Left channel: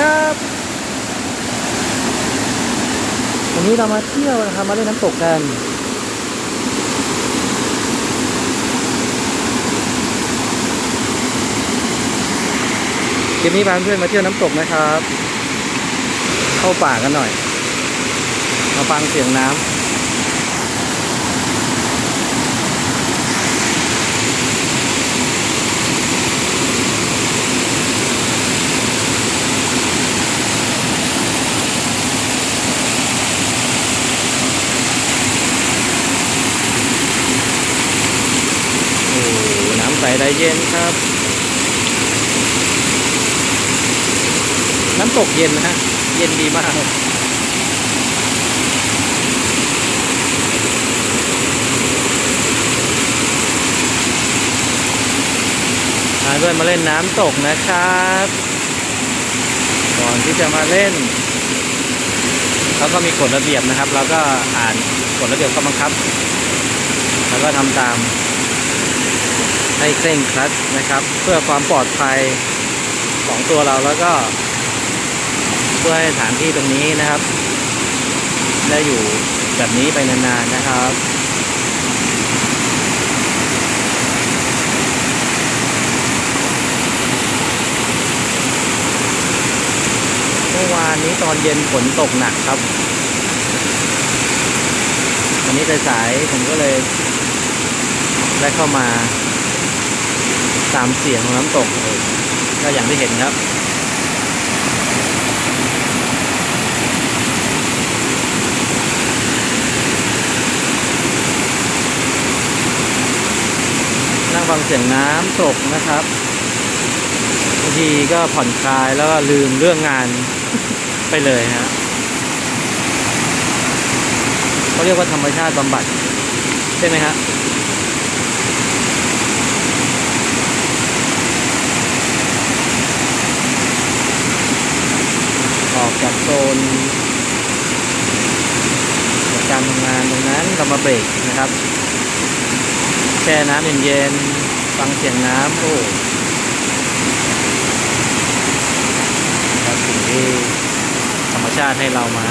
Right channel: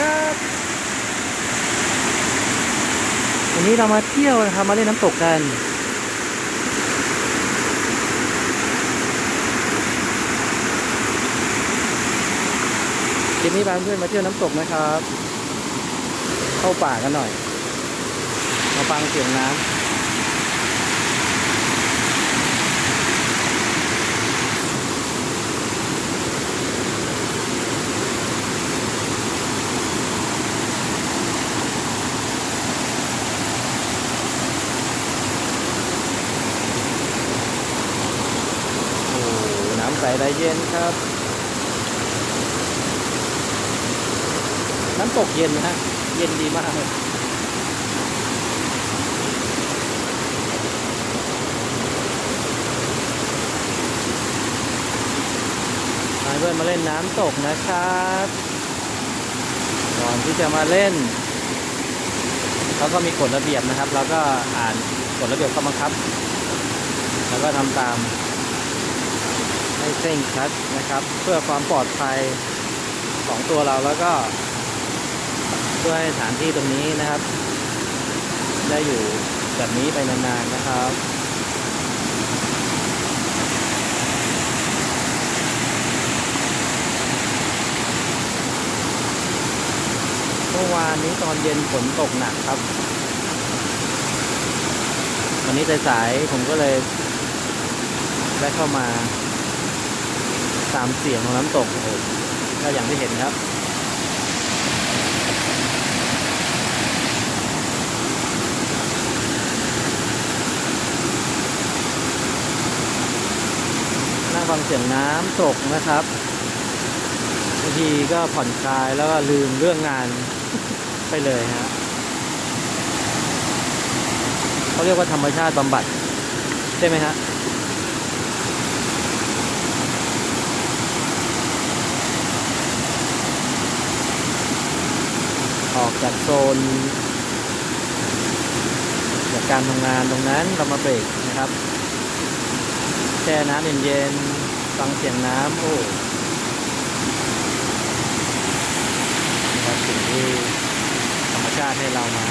ครับ วันนี้เรามาเที่ยวนะครับมาเล่นน้ำตกกัน คลิปนี้พาเพื่อนมาเที่ยวน้ำตกนะครับ เข้าป่ากันหน่อย มาฟังเสียงน้ำ ใสได้เย็นครับ น้ำตกเย็นนะฮะ เย็นดีมากมาเพื่อนมาเล่นน้ำตกนะครับ ก่อนที่จะมาเล่นเขาก็มีกฎระเบียบนะครับ เราก็อ่านกฎระเบียบข้อบังคับ แล้วก็ทำตาม ให้เคร่งครัดนะครับ เพื่อความปลอดภัยของตัวเราแล้วก็เพื่อให้สถานที่ตรงนี้นะครับ ได้อยู่แบบนี้ไปนานๆนะครับเมื่อวานนี้ตอนเย็นฝนตกหนักครับวันนี้สายๆผมก็เลยได้เข้ามา ตามเสียงของน้ำตกเออก็อย่างที่เห็นครับ นั่งฟังเสียงน้ำตกนะครับบางทีก็ผ่อนคลายแล้วก็ลืมเรื่องงานไปเลยฮะเขาเรียกว่าธรรมชาติบำบัด ใช่ไหมฮะ ออกจากโซนจากการทำงานตรงนั้นเรามาเบรกนะครับแช่น้ำเย็นๆฟังเสียงน้ำโอ้ครับสิ่งที่ธรรมชาติให้เรามา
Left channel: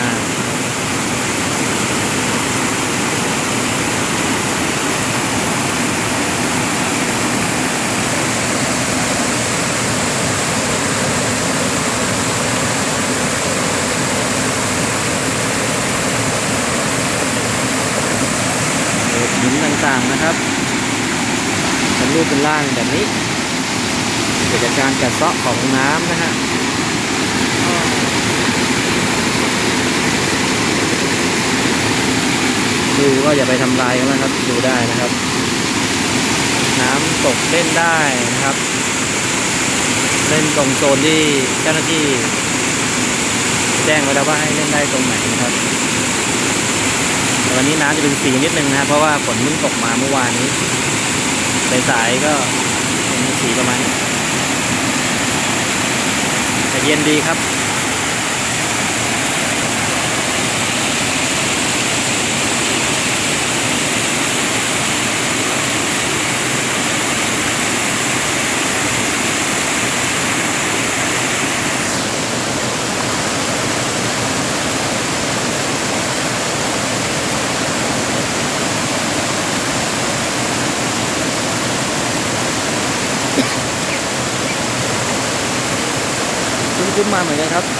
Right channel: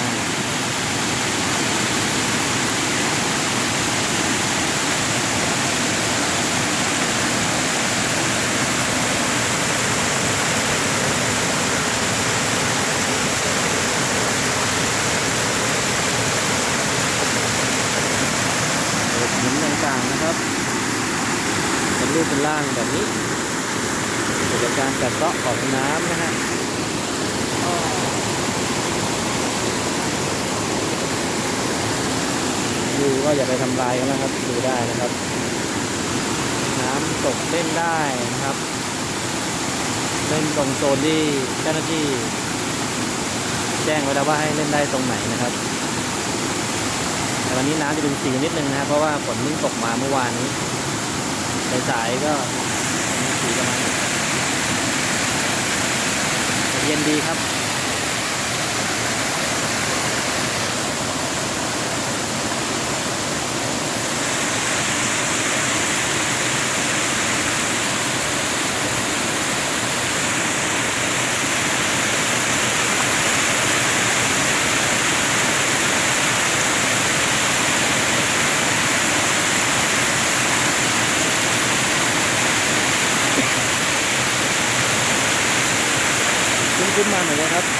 โขดหินต่างๆ นะครับ เป็นรูปเป็นร่างแบบนี้เกิดจากการกัดเซาะของน้ำนะฮะดูก็อย่าไปทำลายกันนะครับ ดูได้นะครับ น้ำตกเล่นได้นะครับ เล่นตรงโซนที่เจ้าหน้าที่ แจ้งไว้แล้วว่าให้เล่นได้ตรงไหนนะครับ วันนี้น้ำจะเป็นสีนิดนึงนะครับเพราะว่าฝนเพิ่งตกมาเมื่อวานนี้สายๆก็เป็นสีประมาณนี้แต่เย็นดีครับ มาเหมือนกันครับ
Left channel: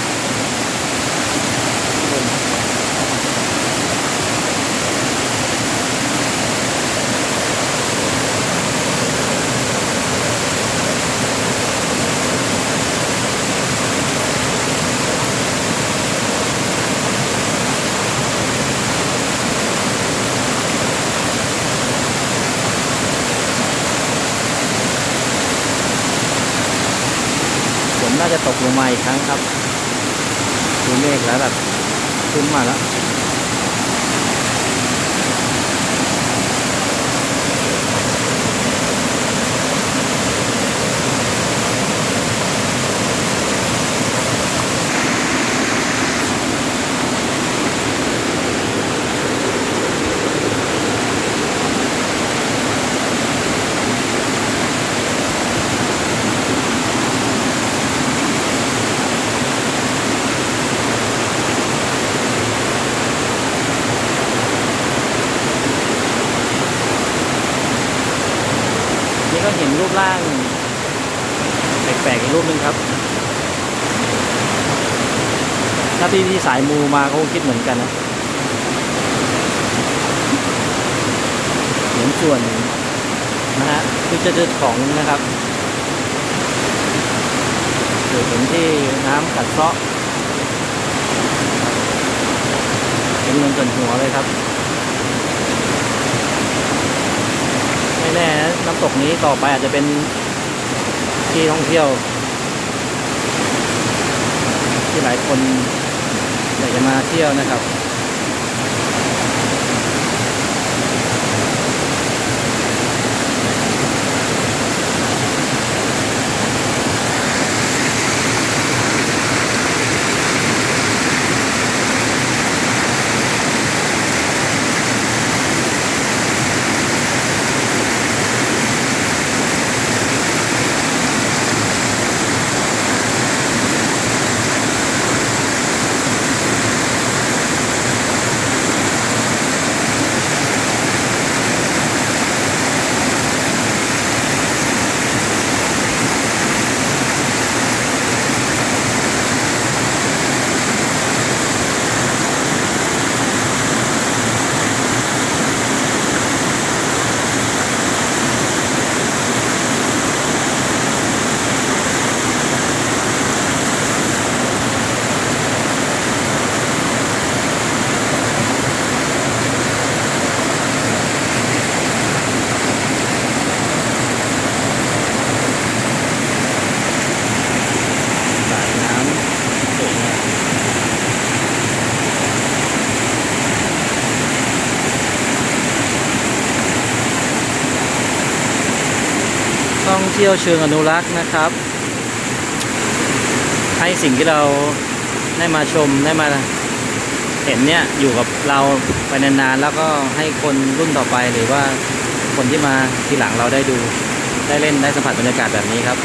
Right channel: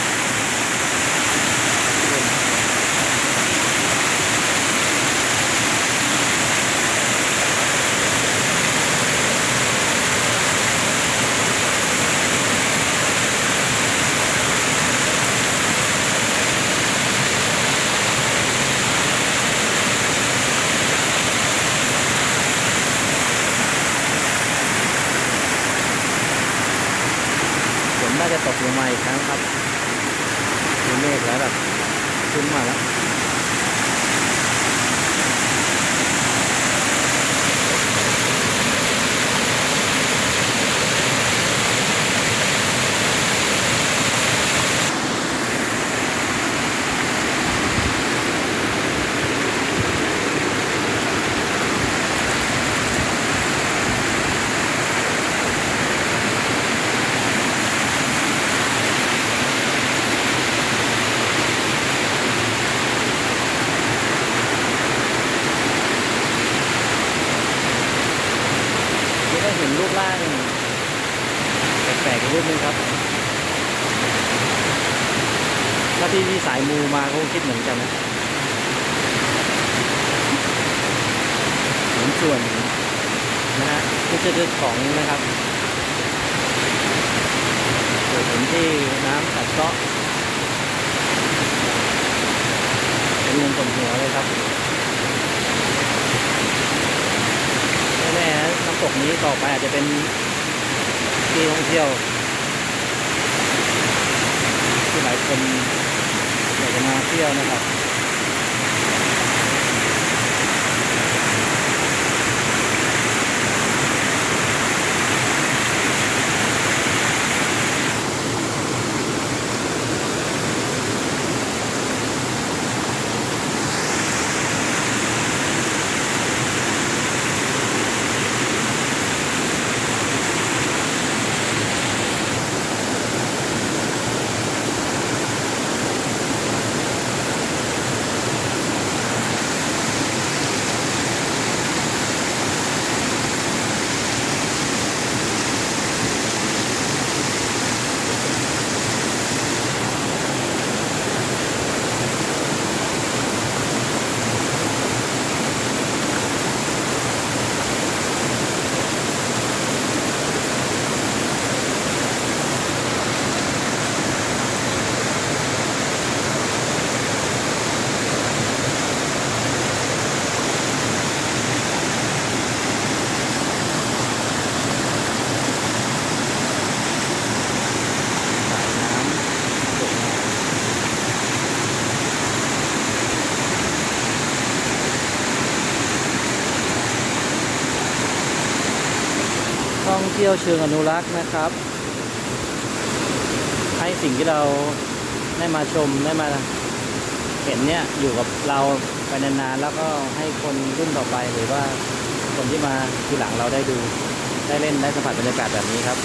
จะตกลงมาอีกครั้งครับ ดูเมฆแล้วแบบขึ้นมาแล้ว รูปร่าง แปลกๆอีกรูปหนึ่งครับ ถ้าที่ที่สายมูมาเขาคิดเหมือนกันนะเหมือนส่วนนะฮะคือจะเจอของนะครับเกิดเห็นที่น้ำกัดเซาะเป็นเงินส่วนหัวเลยครับ ไม่ แน่ๆน้ำตกนี้ต่อไปอาจจะเป็นที่ท่องเที่ยว ที่หลายคนอยากจะมาเที่ยวนะครับ สายน้ำสวยงาม เที่ยวเชิงอนุรักษ์นะครับ ให้สิ่งที่เราได้มาชมได้มาเห็นเนี่ยอยู่กับเราไปนานๆแล้วก็ให้คนรุ่นต่อไปหรือว่าคนที่มาทีหลังเราได้ดูได้เล่นได้สัมผัสบรรยากาศแบบนี้ครับ